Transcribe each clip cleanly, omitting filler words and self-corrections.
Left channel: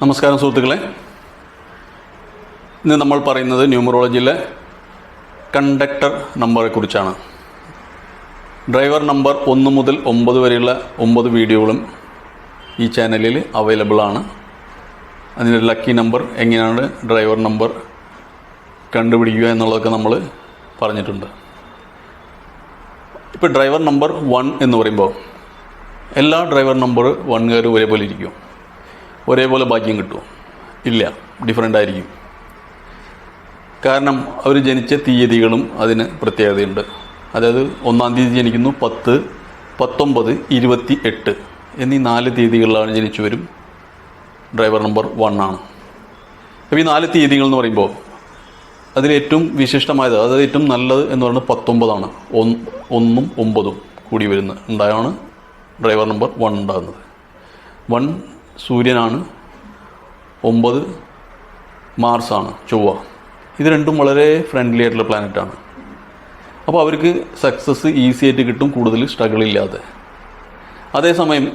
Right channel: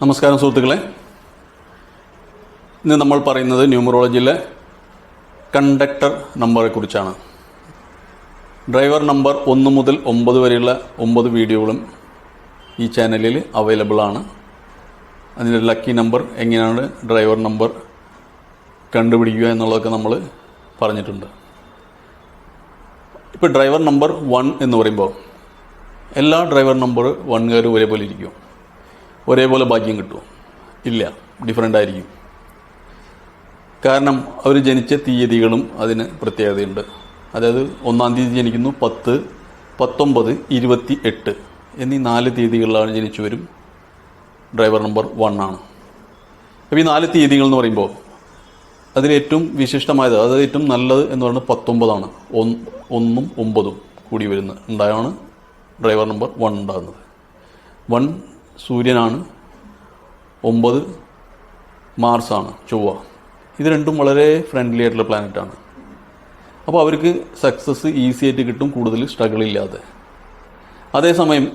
നമസ്കാരം സുഹൃത്തുക്കളെ, ഇന്ന് നമ്മൾ പറയുന്നത് ന്യൂമറോളജിയിലെ കണ്ടക്ടർ നമ്പറെ കുറിച്ചാണ്. ഡ്രൈവർ നമ്പർ 1 മുതൽ 9 വരെയുള്ള 9 വീഡിയോകളും ഈ ചാനലിൽ അവൈലബിൾ ആണ്. അതിൻ്റെ ലക്കി നമ്പർ, എങ്ങനെയാണ് ഡ്രൈവർ നമ്പർ കണ്ടുപിടിക്കുക എന്നുള്ളതൊക്കെ നമ്മൾ പറഞ്ഞിട്ടുണ്ട്. ഇപ്പോൾ ഡ്രൈവർ നമ്പർ 1 എന്ന് പറയുമ്പോൾ എല്ലാ ഡ്രൈവർ നമ്പർ 1കാരും ഒരേപോലെ ഇരിക്കും, ഒരേപോലെ ഭാഗ്യം കിട്ടും? ഇല്ല, ഡിഫറെൻ്റ് ആയിരിക്കും. കാരണം അവർ ജനിച്ച തീയതികളും അതിന് പ്രത്യേകതയുണ്ട്. അതായത് 1-ാം തീയതി ജനിക്കുന്നു, 10, 19, 28 എന്നീ 4 തീയതികളിലാണ് ജനിച്ചവരും ഡ്രൈവർ നമ്പർ 1 ആണ്. അപ്പോൾ ഈ 4 തീയതികൾ എന്ന് പറയുമ്പോൾ അതിലേറ്റവും വിശിഷ്ടമായത്, അതായത് ഏറ്റവും നല്ലത് എന്ന് പറയുന്നത് 19 1ഉം 9ഉം കൂടി ഉണ്ടായാണ് ഡ്രൈവർ നമ്പർ 1 ഉണ്ടാകുന്നത്. 1 സൂര്യനാണ്, 9 മാർസാണ്, ചൊവ്വ. ഇത് രണ്ടും വളരെ ഫ്രണ്ട്ലി ആയിട്ടുള്ള പ്ലാനറ്റാണ്. അപ്പോൾ അവർക്ക് സക്സസ് ഈസി ആയിട്ട് കിട്ടും, കൂടുതൽ സ്ട്രഗിൾ ഇല്ലാതെ. അതേസമയം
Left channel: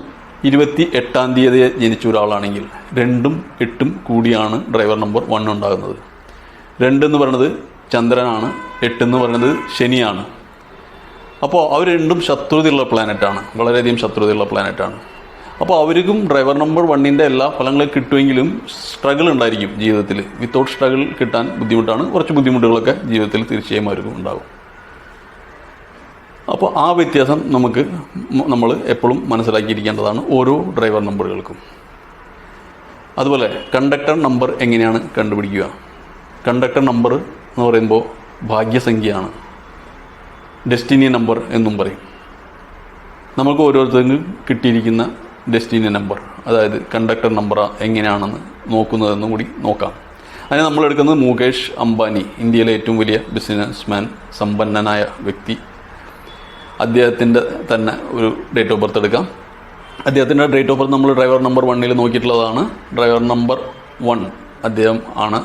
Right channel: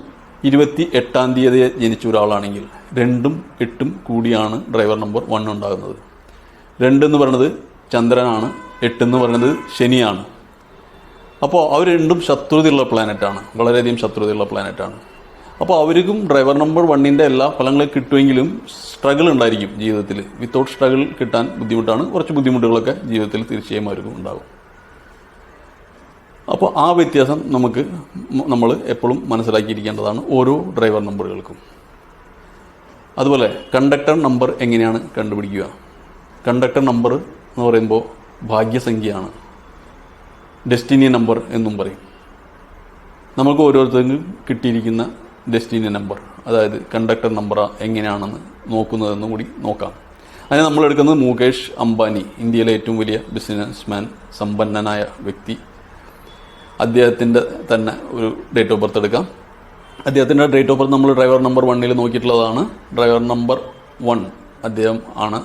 28-ാം തീയതി ജനിച്ച ഒരാളാണെങ്കിൽ 2ഉം 8ഉം കൂടിയാണ് ഡ്രൈവർ നമ്പർ 1 ഉണ്ടാകുന്നത്. 2 എന്ന് പറയുന്നത് ചന്ദ്രനാണ്, 8 എന്ന് പറയുന്നത് ശനിയാണ്. അപ്പോൾ അവർ രണ്ടും ശത്രുതയുള്ള പ്ലാനറ്റാണ്, വളരെയധികം ശത്രുതയുള്ള പ്ലാനറ്റാണ്. അപ്പോൾ അവർക്കും ഡ്രൈവർ നമ്പർ 1ൻ്റെ എല്ലാ ഫലങ്ങളും കിട്ടുമെങ്കിലും സ്ട്രഗിൾ ഉണ്ടായിരിക്കും ജീവിതത്തിൽ. വിത്തൗട്ട് സ്ട്രഗിൾ കിട്ടാൻ ബുദ്ധിമുട്ടാണ്. കുറച്ച് ബുദ്ധിമുട്ടുകളൊക്കെ ജീവിതത്തിൽ തീർച്ചയായും അവർക്കും ഉണ്ടാകും. അപ്പോൾ ആ വ്യത്യാസം നമ്മൾ എപ്പോഴും മനസ്സിലാക്കിയിരിക്കേണ്ടതാണ് ഓരോ ഡ്രൈവർ നമ്പറുകൾക്കും. അതുപോലെ കണ്ടക്ടർ നമ്പർ എങ്ങനെയാണ് കണ്ടുപിടിക്കുക? കണ്ടക്ടർ നമ്പർ എന്ന് പറയുമ്പോൾ ഭാഗ്യസംഖ്യയാണ്, ഡെസ്റ്റിനി നമ്പർ എന്നും പറയും. നമുക്ക് ഓരോരുത്തർക്കും കിട്ടിയിരിക്കുന്ന ഡെസ്റ്റിനി നമ്പർ, അതായത് കണ്ടക്ടർ നമ്പർ എങ്ങനെയാണെന്ന് നോക്കുന്നതെന്നും കൂടി നോക്കാം. അങ്ങനെ നമ്മൾ എടുക്കുന്നത് മുകേഷ് അംബാനി, ഇന്ത്യയിലെ ഏറ്റവും വലിയ ബിസിനസ്മാൻ, സമ്പന്നനായ വ്യക്തി. അദ്ദേഹത്തിൻ്റെ തന്നെ ഒരു ഡേറ്റ് ഓഫ് ബർത്ത് എടുക്കാം. അദ്ദേഹത്തിൻ്റെ ഡേറ്റ് ഓഫ് ബർത്ത് നമ്മൾ ഡ്രൈവർ നമ്പർ 1ൽ നോക്കിയിട്ടുള്ളതാണ്. ഡ്രൈവർ നമ്പർ 1 അദ്ദേഹം ആണ്.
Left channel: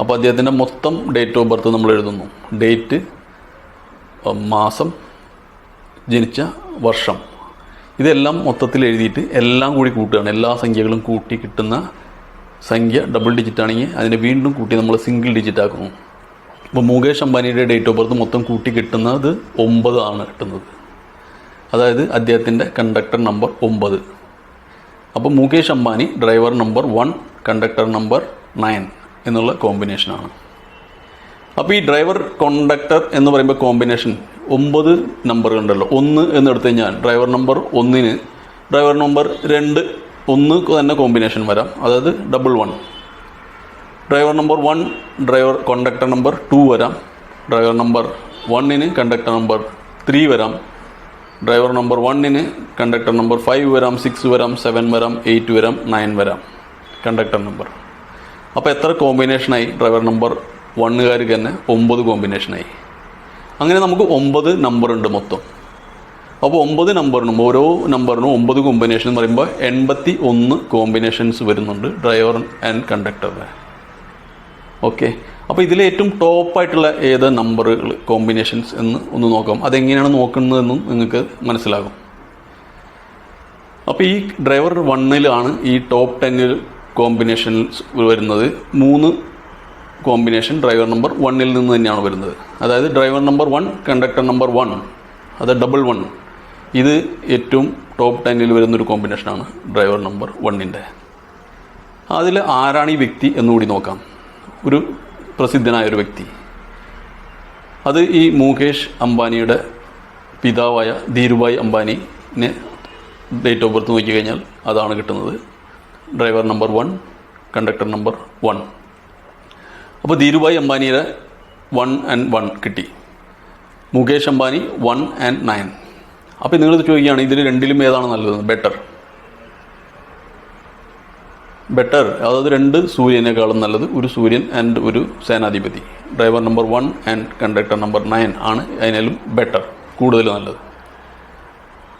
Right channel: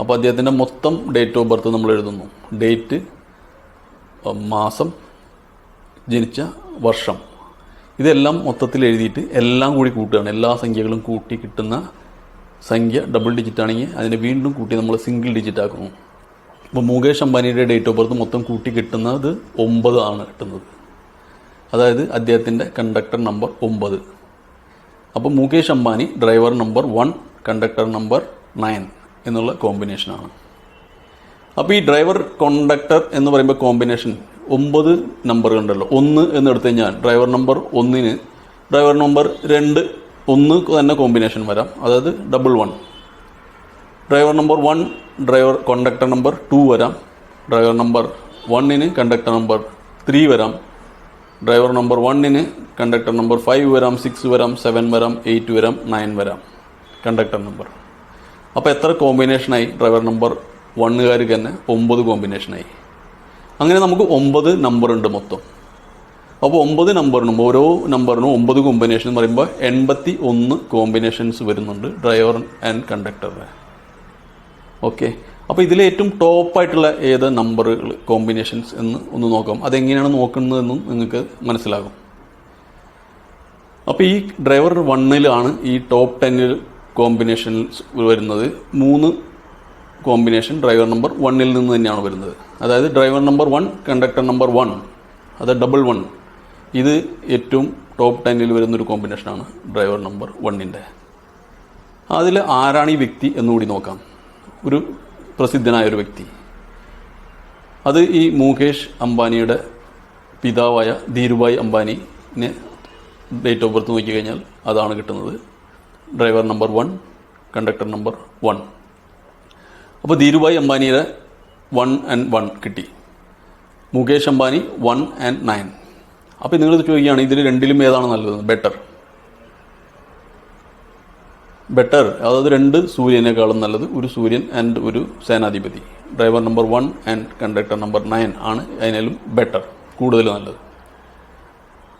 അപ്പോൾ അദ്ദേഹത്തിൻ്റെ മൊത്തം ഡേറ്റ് ഓഫ് ബർത്ത് നമ്മൾ എഴുതുന്നു. ഡേറ്റ്, മാസം, ജനിച്ച വർഷം, ഇതെല്ലാം മൊത്തത്തിൽ എഴുതിയിട്ട് എല്ലാം കൂടി കൂട്ടുകയാണ്. എല്ലാ സംഖ്യകളും കൂട്ടി കിട്ടുന്ന സംഖ്യ ഡബിൾ ഡിജിറ്റ് ആണെങ്കിൽ അതിനെ വീണ്ടും കൂട്ടി നമ്മൾ സിംഗിൾ ഡിജിറ്റ് ആക്കുന്നു. അപ്പോൾ മുകേഷ് അംബാനിയുടെ ഡേറ്റ് ഓഫ് ബർത്ത് മൊത്തം കൂട്ടി കിട്ടുന്നത് 9 ആണ് കിട്ടുന്നത്. അതായത് അദ്ദേഹത്തിൻ്റെ കണ്ടക്ടർ നമ്പർ 9. അപ്പോൾ Mukesh Ambani driver number 1, conductor number 9 എന്നുള്ള കോമ്പിനേഷനാണ്. അപ്പോൾ ഈ ഡ്രൈവർ കോണ്ടക്ടർ എന്ന് പറയുമ്പോൾ കോമ്പിനേഷൻ 9 നമ്പർ ഉണ്ടല്ലോ. 1 എന്നെടുത്ത് കഴിഞ്ഞാൽ ഡ്രൈവർ നമ്പർ 1ന് ഡ്രൈവർ നമ്പർ 2 1 തന്നെ കോമ്പിനേഷൻ വരാം, അതായത് double 1. Driver number 1 driver conductor number 2 വരാം. ഡ്രൈവർ നമ്പർ 1ന് കണ്ടക്ടർ നമ്പർ 3 വരാം. ഡ്രൈവർ നമ്പർ 1ന് കണ്ടക്ടർ നമ്പർ 5 വരാം, 6 വരാം, 7 വരാം, 8 വരാം, 9 വരാം കണ്ടക്ടർ നമ്പർ. അപ്പോൾ എത്ര കോമ്പിനേഷനായി? ഡ്രൈവർ നമ്പർ 1കാർക്ക് തന്നെ 9 കോമ്പിനേഷനായി. അങ്ങനെ നമുക്ക് 9 നമ്പറുണ്ട് മൊത്തം. അപ്പോൾ 9 നമ്പറിനും ഓരോ നമ്പറിനും 9 കോമ്പിനേഷൻ എന്ന് പറയുമ്പോൾ 81 കോമ്പിനേഷൻസ് വരുന്നുണ്ട് ഡ്രൈവർ ആൻഡ് കണ്ടക്ടറിന്. ഓക്കെ, അപ്പോൾ ഇതിലെ ഏറ്റവും ടോപ്പായിട്ടുള്ള ഏത് നമ്പറുകൾ കോമ്പിനേഷൻസ് എന്ന് ഒന്ന് നോക്കാം. അതെങ്ങനെയാണ് നോക്കുന്നതെന്നും നിങ്ങൾക്ക് മനസ്സിലാകും. അപ്പോൾ ഈ ഡ്രൈവർ 1ലാണ് ഈ ടോപ്പ് 10 കോമ്പിനേഷൻസ് വരുന്നത്. 3 കോമ്പിനേഷൻ ഡ്രൈവർ നമ്പർ 1ൽ നിന്ന് തന്നെയാണ് വരുന്നത്. അതായത് ഡ്രൈവർ നമ്പർ 1, കണ്ടക്ടർ നമ്പർ 1, അത് ഡബിൾ 1. ഇത് ഏറ്റവും ടോപ്പ് 10ൽ വരുന്നൊരു കോമ്പിനേഷനാണ് ഡ്രൈവർ നമ്പർ 1ൻ്റെ. അതിൽ ആരാണ് ഈ വ്യക്തി എന്നുകൂടി നോക്കാം. ഒരു പ്രസിദ്ധനായൊരു വ്യക്തി, അത് ഈ മുകേഷ് അംബാനിയുടെ പിതാവായ ധീരുഭായ് അംബാനിനെ ഡേറ്റ് ഓഫ് ബർത്ത് നോക്കിക്കഴിഞ്ഞാൽ അതാണ് കിട്ടുന്നത്. Driver number 1, conductor number 1. അപ്പോൾ ധീരുഭായ് അംബാനിയുടെ 1 and 1 കിട്ടി. മുകേഷ് അംബാനി 1 and 9. അപ്പോൾ നിങ്ങൾ ചോദിക്കുകയാണ്, ഇതിൽ രണ്ടിലും ഏതാണ് നല്ലത്? ബെറ്റർ, അതായത് 2 സൂര്യനേക്കാളും നല്ലത് ഒരു സൂര്യൻ ആൻഡ് ഒരു സേനാധിപതി. Driver number 1 and conductor number 9 ആണ് അതിനാലും ബെറ്റർ, കൂടുതൽ നല്ലത്.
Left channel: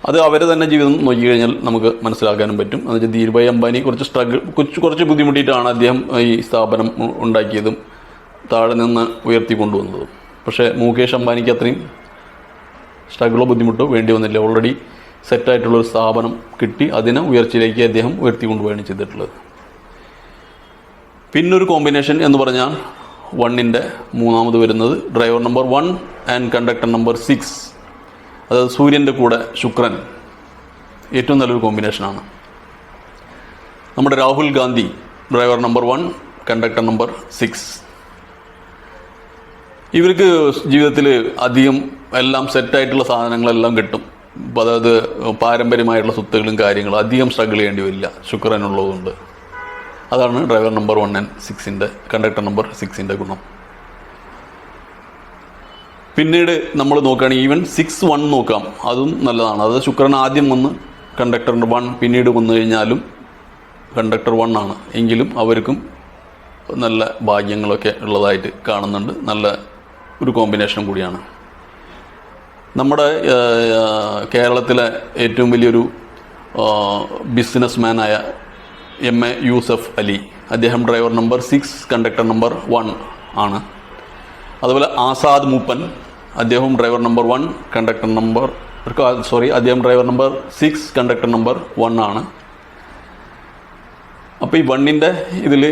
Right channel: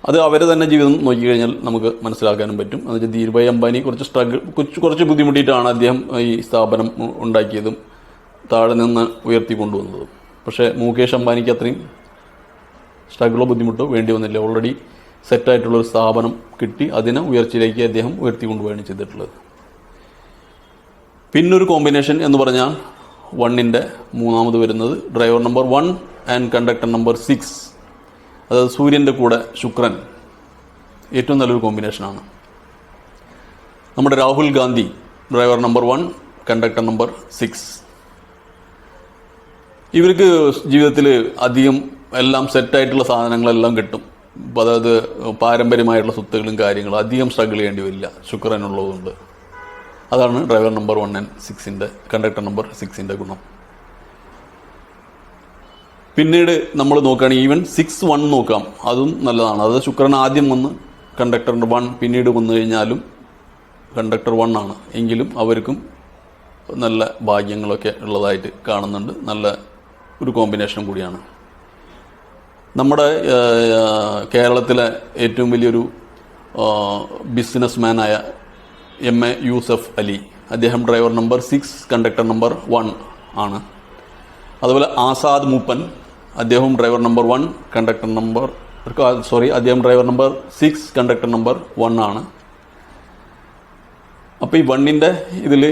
അത് അവരെ തന്നെ ജീവിതം നോക്കിക്കഴിഞ്ഞാൽ നമുക്ക് മനസ്സിലാക്കാനും പറ്റും. എന്നുവെച്ചാൽ ധീരുഭായ് അംബാനി കുറച്ച് ബുദ്ധിമുട്ടിയിട്ടാണ് അദ്ദേഹം ഈ സ്ഥാപനം ഉണ്ടാക്കിയതും താഴെ നിന്ന് ഉയർത്തിക്കൊണ്ടുവന്നതും. പക്ഷേ മുകേഷ് അംബാനിക്ക് അത്രയും സ്ട്രഗിളോ ബുദ്ധിമുട്ടോ വേണ്ടി വന്നില്ല. ഓൾറെഡി സെറ്റായിട്ടുള്ളൊരു സ്ഥാപനം കിട്ടി, അതിനെ ഉയർച്ചയിലേക്ക് അദ്ദേഹം ഉയർത്തിക്കൊണ്ടുപോവുകയാണ് ചെയ്തിട്ടുള്ളത്. പിന്നൊരു കോമ്പിനേഷൻ എന്ന് പറഞ്ഞാൽ 1ൻ്റെ മൂന്നാമത് വരുന്നത് driver number 1 and conductor number 6, അതായത് സൂര്യൻ്റെ കൂടെ ശുക്രൻ. ഏറ്റവും നല്ലൊരു കോമ്പിനേഷനാണ്. നമ്മുടെ Rahul Gandhi driver number 1 conductor number 6. ഇവർക്ക് ജീവിതത്തിൽ അധികം എല്ലാം സെറ്റായിട്ടുള്ള സാധനങ്ങളെല്ലാം കിട്ടും. അതായത് പാരമ്പര്യമായിട്ടുള്ള സ്വത്തുകളും കാര്യങ്ങളും അധികം സ്ട്രഗിൾ ചെയ്യേണ്ടി വരില്ല ശുക്രനുള്ളതുകൊണ്ട്. അതാണ് ഡ്രൈവർ നമ്പർ 1 ആൻഡ് 6ൻ്റെ കണ്ടക്ടർ നമ്പർ 6ൻ്റെ ഗുണം. പിന്നീട് നമ്മൾ നോക്കുകയാണെങ്കിൽ ഈവൻ 6-1 നോക്കാം, അതും നല്ലതാണ്. അത് ശുക്രൻ ആദ്യം വന്ന് കണ്ടക്ടർ 1 പിന്നീട് വന്നു കഴിഞ്ഞാലും കണ്ടക്ടർ 1 ആണ് എങ്കിലും അവർക്കും നല്ല ഭാഗ്യങ്ങളൊക്കെ ഉള്ളതായിട്ട് കാണുന്നുണ്ട്. നല്ല ഒരു കോമ്പിനേഷൻ കൂടിയാണ്. നമ്മുടെ കേരളത്തിലെ ഏറ്റവും വലിയൊരു ബിസിനസ്മാനായ MA യൂസഫ് അലി, അദ്ദേഹം ഡ്രൈവർ നമ്പർ 6 കണ്ടക്ടർ നമ്പർ 1 ആണ്. അതുപോലെ ആസാദ് മൂപ്പൻ, അദ്ദേഹം ഡ്രൈവർ നമ്പർ 1 കണ്ടക്ടർ നമ്പർ അദ്ദേഹം ഡ്രൈവർ നമ്പർ 6 കണ്ടക്ടർ നമ്പർ 1 ആണ്. അപ്പോൾ ഈ 1ൻ്റെ ഇതിൽ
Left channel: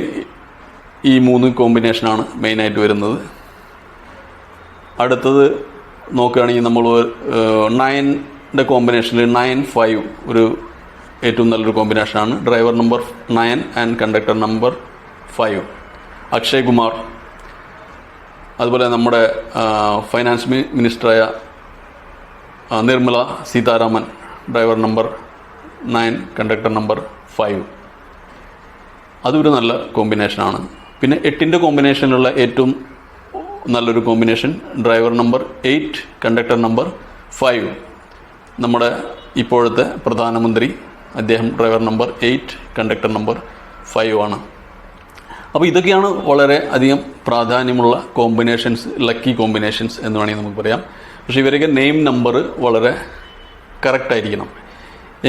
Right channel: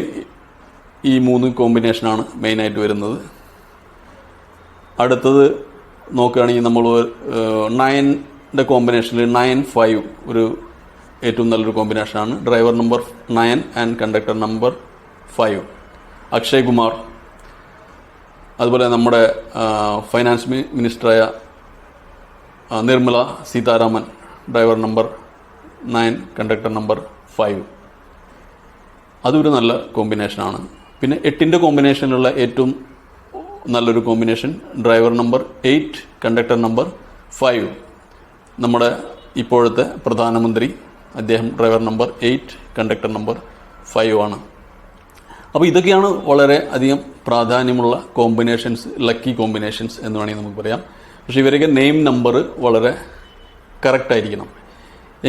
ഈ 3 കോമ്പിനേഷനാണ് മെയിനായിട്ട് വരുന്നത്. അടുത്തത് നോക്കുകയാണെങ്കിൽ നമ്മൾ 9ൻ്റെ കോമ്പിനേഷനിൽ 9-5 ഒരു ഏറ്റവും നല്ലൊരു കോമ്പിനേഷനാണ്. Driver number 9 and conductor number 5 Akshay Kumar. അതുപോലെ നമ്മുടെ ഫൈനാൻസ് മിനിസ്റ്ററായ Nirmala Sitharaman driver number 9 conductor number 5. അതൊരു നല്ല കോമ്പിനേഷനാണ്. പിന്നെ 8ൻ്റെ കോമ്പിനേഷനിലുള്ള ഏറ്റവും നല്ലൊരു combination driver number 8 conductor number 5, നമ്മുടെ ഇപ്പോഴത്തെ പ്രധാനമന്ത്രി, അദ്ദേഹം ഡ്രൈവർ നമ്പർ 8 കണ്ടക്ടർ നമ്പർ 5 ആണ്. അപ്പോൾ ഇതൊക്കെയാണ് വളരെ അധികം പ്രാധാന്യമുള്ള കോമ്പിനേഷൻസ്, ലക്കി കോമ്പിനേഷൻസ് എന്ന് വേണമെങ്കിൽ നമുക്ക് പറയാം. പക്ഷേ ഇവരൊക്കെ നെയിം നമ്പർ വളരെ കറക്റ്റായിരിക്കണം,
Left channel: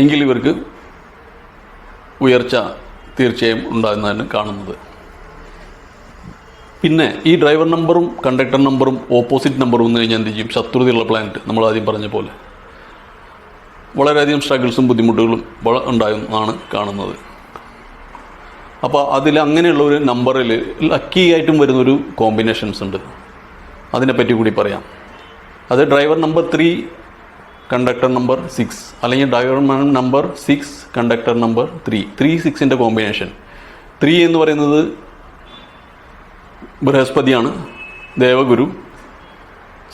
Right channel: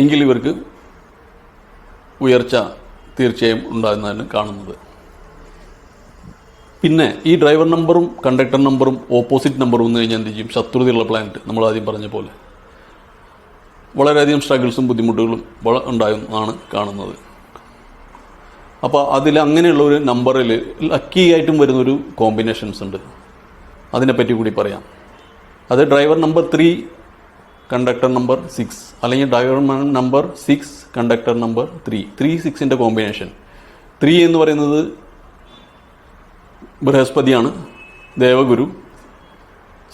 എങ്കിൽ ഇവർക്ക് ഉയർച്ച തീർച്ചയായും ഉണ്ടാകുന്നതാണ് കാണുന്നത്. പിന്നെ ഈ ഡ്രൈവർ നമ്പറും കണ്ടക്ടർ നമ്പറും ഓപ്പോസിറ്റ് നമ്പറും വന്നു കഴിഞ്ഞാൽ എന്ത് ചെയ്യും? ശത്രുതയുള്ള പ്ലാനറ്റ്, നമ്മൾ ആദ്യം പറഞ്ഞ പോലെ വളരെയധികം സ്ട്രഗിൾസും ബുദ്ധിമുട്ടുകളും ഉണ്ടാകുന്നതാണ് കാണുന്നത്. അപ്പോൾ അതിൽ അങ്ങനെയുള്ള ഒരു നമ്പറിൽ ലക്കി ആയിട്ടും വരുന്നൊരു കോമ്പിനേഷൻസ് ഉണ്ട്, അതിനെപ്പറ്റി കൂടി പറയാം. അത് ഡ്രൈവർ നമ്പർ 3 കണ്ടക്ടർ നമ്പർ 6, അല്ലെങ്കിൽ ഡ്രൈവർ നമ്പർ 6 കണ്ടക്ടർ നമ്പർ 3. 3-6ൻ്റെ കോമ്പിനേഷൻ. 3 എന്ന് പറയുന്നത് ബൃഹസ്പതിയാണ്, ദേവഗുരു.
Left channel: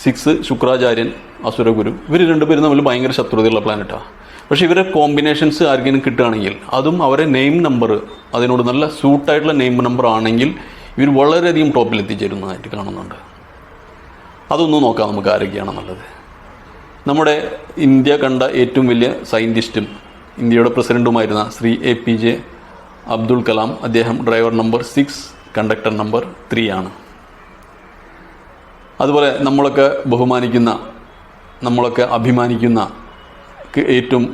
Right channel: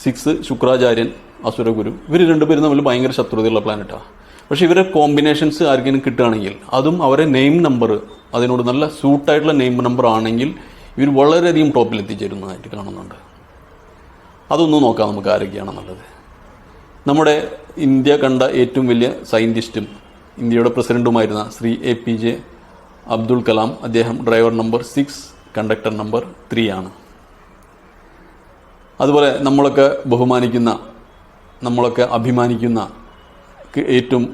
6 ശുക്രാചാര്യൻ, അസുരഗുരു. ഇവർ രണ്ടുപേരും തമ്മിൽ ഭയങ്കര ശത്രുതയുള്ള പ്ലാനറ്റാണ്. പക്ഷേ ഇവരെ കോമ്പിനേഷൻസ് ആർക്കെങ്കിലും കിട്ടുകയാണെങ്കിൽ, അതും അവരെ നെയിം നമ്പർ അതിനോട് നല്ല സൂട്ടായിട്ടുള്ള നെയിം നമ്പർ ആണെങ്കിൽ ഇവർ വളരെയധികം ടോപ്പിൽ എത്തിച്ചേരുന്നതായിട്ട് കാണുന്നുണ്ട്. അതൊന്നും നോക്കാം നമുക്ക് ആരൊക്കെയാണ് നല്ലത്. നമ്മുടെ ഇന്ത്യ കണ്ട ഏറ്റവും വലിയ സയൻറ്റിസ്റ്റും ഇന്ത്യയുടെ പ്രസിഡൻറ്റുമായിരുന്ന ശ്രീ APJ അബ്ദുൽ കലാം, അദ്ദേഹം ഡ്രൈവർ നമ്പർ 6 കണ്ടക്ടർ നമ്പർ 3 ആണ്. അതുപോലെ നമ്മളൊക്കെ ബഹുമാനിക്കുന്ന, നമ്മളൊക്കെ അഭിമാനിക്കുന്ന ഏറ്റവും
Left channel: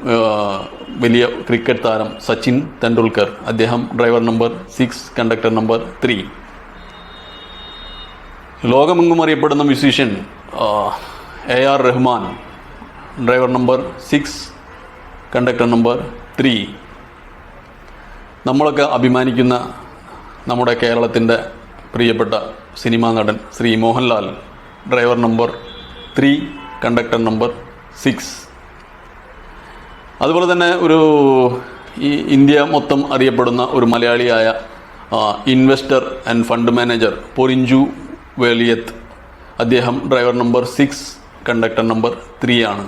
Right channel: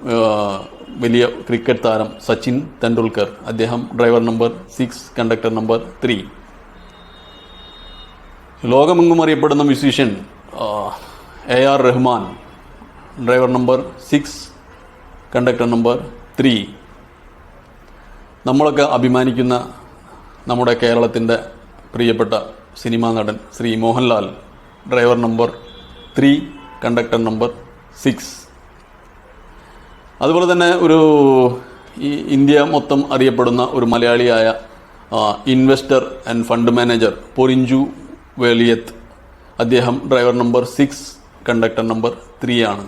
വലിയ ക്രിക്കറ്റ് താരം സച്ചിൻ തെണ്ടുൽക്കർ, അദ്ദേഹം ഡ്രൈവർ നമ്പർ 6 കണ്ടക്ടർ നമ്പർ 3. ലോകമെങ്ങും അറിയപ്പെടുന്ന musician AR Rahman, driver number 6 conductor number 3. നമ്മളൊക്കെ അഭിമാനിക്കുന്ന നമ്മുടെ കേരളത്തിൻ്റെ പ്രിയപ്പെട്ട സിനിമാ നടൻ Shri Mohanlal, driver number 3 conductor number 6. അതുപോലെ തന്നെ ഈ ഇന്ത്യ മൊത്തം അറിയപ്പെടുന്ന ഒരു മലയാളിയായ ഇൻവെസ്റ്റർ ആൻഡ് ഫണ്ട് മാനേജർ പൊരിഞ്ചു വേലിയത്ത്, അദ്ദേഹം ഡ്രൈവർ നമ്പർ 6 കണ്ടക്ടർ നമ്പർ 3 ആണ്.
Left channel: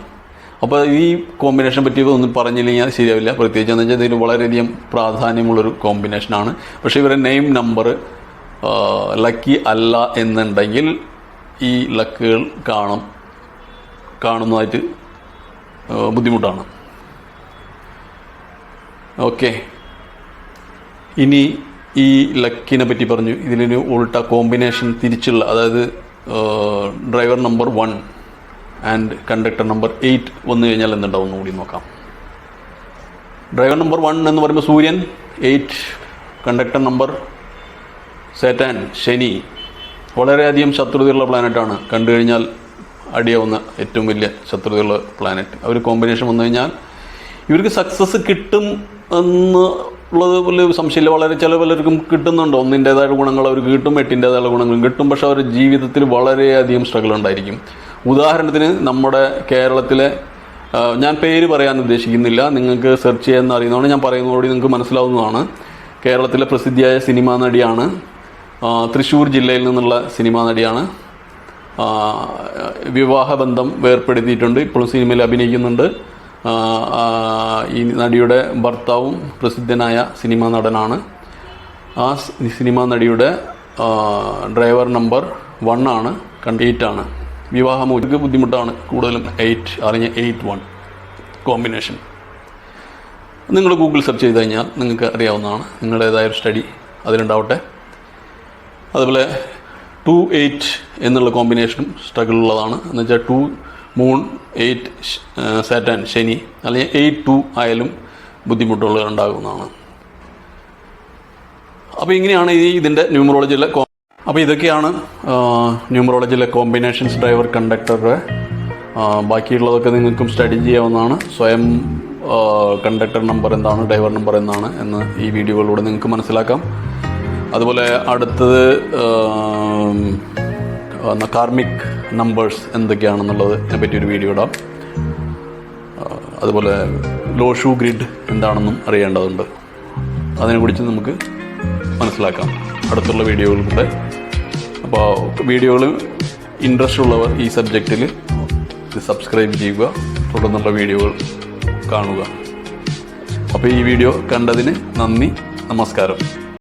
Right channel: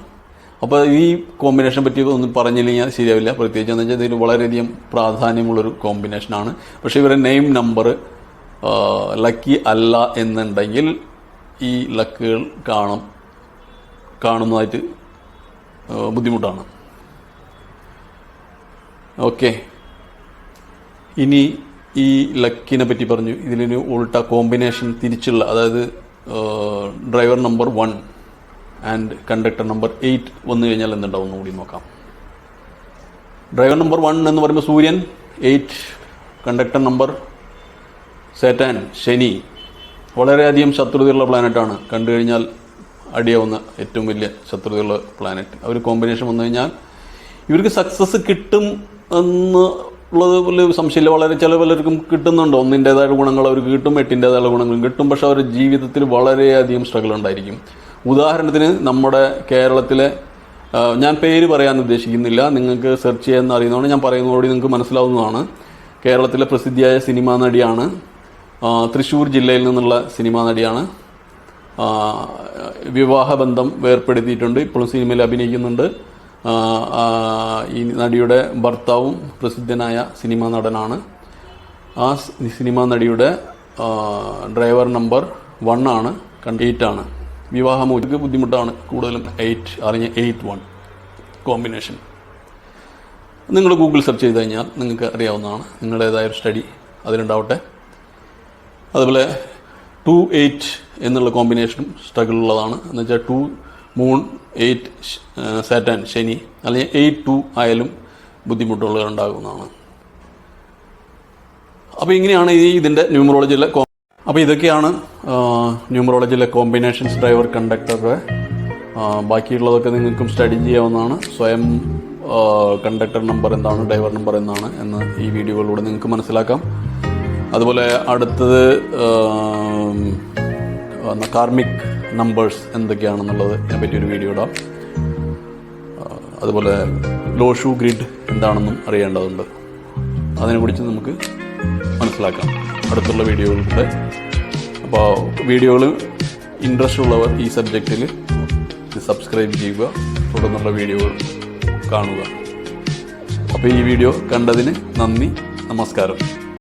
അപ്പോൾ ഈ കോമ്പിനേഷൻ പറ്റി ഒന്നും പറഞ്ഞില്ലെങ്കിൽ ശരിയാവില്ല. പ്രത്യേകിച്ച് എന്ന് വെച്ചാൽ ഇതിൽ വളരെയധികം പ്രാധാന്യമുള്ളൊരു കോമ്പിനേഷനാണ്. പക്ഷേ ഇവരുടെ നെയിം നമ്പർ ലക്കി അല്ല എന്നുണ്ടെങ്കിൽ ഈ ലക്കുകൾ കാണുന്നതായിട്ട് ബുദ്ധിമുട്ടാണ്. ഓക്കെ, ഇനി ഈ ലക്കിനെ പറ്റി പറഞ്ഞു. ഇതിലൊരു ഉൾട്ട കോമ്പിനേഷൻ തിരിച്ചുള്ള, അതായത് driver number 1 and conductor number 8 വന്നു കഴിഞ്ഞാൽ എന്തുണ്ടാവും കൂടി നോക്കാം. ഡ്രൈവർ നമ്പർ 1 എന്ന് പറയുമ്പോൾ സൂര്യൻ, 8 കണ്ടക്ടർ നമ്പർ സാറ്റേൺ, ശനി. വളരെയധികം ശത്രുതയുള്ള പ്ലാനറ്റാണ്, കണ്ടു കഴിഞ്ഞാൽ അടിയാവുന്ന ഏറ്റവും വലിയ ശത്രുതയുള്ള പ്ലാനറ്റ്. അവർ കോമ്പിനേഷൻ വന്നു കഴിഞ്ഞാൽ ഇവർക്ക് സക്സസ് കിട്ടും എന്ന് ഉള്ളത് വലിയ സംശയമില്ല. വളരെ ചില പലർക്കും കിട്ടുന്നുണ്ട്, 1-ൻ്റെതായ ഗുണങ്ങൾ അവർക്ക് കിട്ടും, 8-ൻ്റെതായ ഗുണങ്ങളും കിട്ടും. പക്ഷെ അവരുടെ ജീവിതത്തിൽ വളരെയധികം സ്ട്രഗിൾ ഉണ്ടായിരിക്കും. ഉദാഹരണത്തിന് നമ്മുടെ കേരളത്തിലെ, ഞാൻ പേര് പറയാൻ ഉദ്ദേശിക്കുന്നില്ല, നിങ്ങൾക്ക് സെർച്ച് ചെയ്യാൻ അറിയുന്നതാണ്, ഞാൻ പറയുന്നതോടെ നിങ്ങൾക്ക് മനസ്സിലാവുന്നതാണ്. കേരളത്തിലെ പ്രസിദ്ധിയായ സിനിമാ നടിയാണ്, തൃശ്ശൂർ ജില്ലയിൽ നിന്നുള്ള സിനിമാ നടിയാണ്. വിവാഹബന്ധം വേർപ്പെടുത്തിയിട്ടുണ്ട്, ഇപ്പോഴും സിനിമയിൽ അഭിനയിക്കുന്നുണ്ട്. ഈ നടിയുടെ ഭർത്താവും പ്രസിദ്ധനായ സിനിമാ നടനാണ്. ആ സിനിമാ നടിയുടെ ഡ്രൈവർ നമ്പർ 1 ആണ്, 8 ആണ്. വിവാഹമോചിക്ക് ബുദ്ധിമുട്ടാണ് കൂടുതലും 8 അറിഞ്ഞ 8-1 കോമ്പിനേഷൻ. നിങ്ങൾ ഗൂഗിൾ സെർച്ച് ചെയ്ത് കഴിഞ്ഞാൽ നിങ്ങൾക്ക് അറിയാവുന്നതാണ്, നിങ്ങളുടേതായൊരു സ്റ്റഡി അതിലുണ്ടാവട്ടെ. അതുപോലെ 2-8 എന്നുള്ള കോമ്പിനേഷനും സ്ട്രഗിൾ ഉള്ളതാണ്. എന്നുവെച്ചാൽ 2 മൂൺ 8 സാറ്റൻ ശനി, അല്ലെങ്കിൽ 8-2 ആയാലും ബുദ്ധിമുട്ടുകൾ ഉണ്ടാകുന്നതാണ്. അപ്പോൾ ഇങ്ങനെയാണ് ഇതിൻ്റെ ന്യൂമറോളജിയിലെ അപ്പോൾ ഇതൊക്കെയാണ് ന്യൂമറോളജിയിലെ കോമ്പിനേഷൻസ് ഡ്രൈവർ കണ്ടക്ടറുടെ. ബാക്കിയുള്ളതൊക്കെ നിങ്ങൾക്കും സ്റ്റഡി ചെയ്യാവുന്നതാണ്. സ്വയം കണ്ടക്ടർ നമ്പർ എന്താണ്, ഡ്രൈവർ നമ്പർ എന്താണ് എന്ന് ഈ വീഡിയോകളിലൂടെ നിങ്ങൾക്ക് മനസ്സിലാക്കാം. അതുപോലെ അടുത്തത് കാർമിക് നമ്പേഴ്സ് എന്തൊക്കെയാണെന്നുള്ളതിനെ പറ്റിയൊരു വീഡിയോ ഇടാം. അതുപോലെ ലോഷു ഗ്രിഡ് എന്താണെന്നും അറിയേണ്ടതുണ്ട്. അതിനെക്കുറിച്ച് നമുക്ക് മനസ്സിലാക്കാം അടുത്തുള്ള വീഡിയോകളിലൂടെ. അപ്പോൾ വീഡിയോകൾ ഇൻട്രസ്റ്റ് ഉള്ളവർ ഈ സബ്ജക്റ്റിൽ സബ്സ്ക്രൈബ് ചെയ്യുക, തുടർന്നുള്ള വീഡിയോകൾ കാണുക. അപ്പോൾ ഈ വീഡിയോ കണ്ടതിന് നന്ദി, നമസ്കാരം.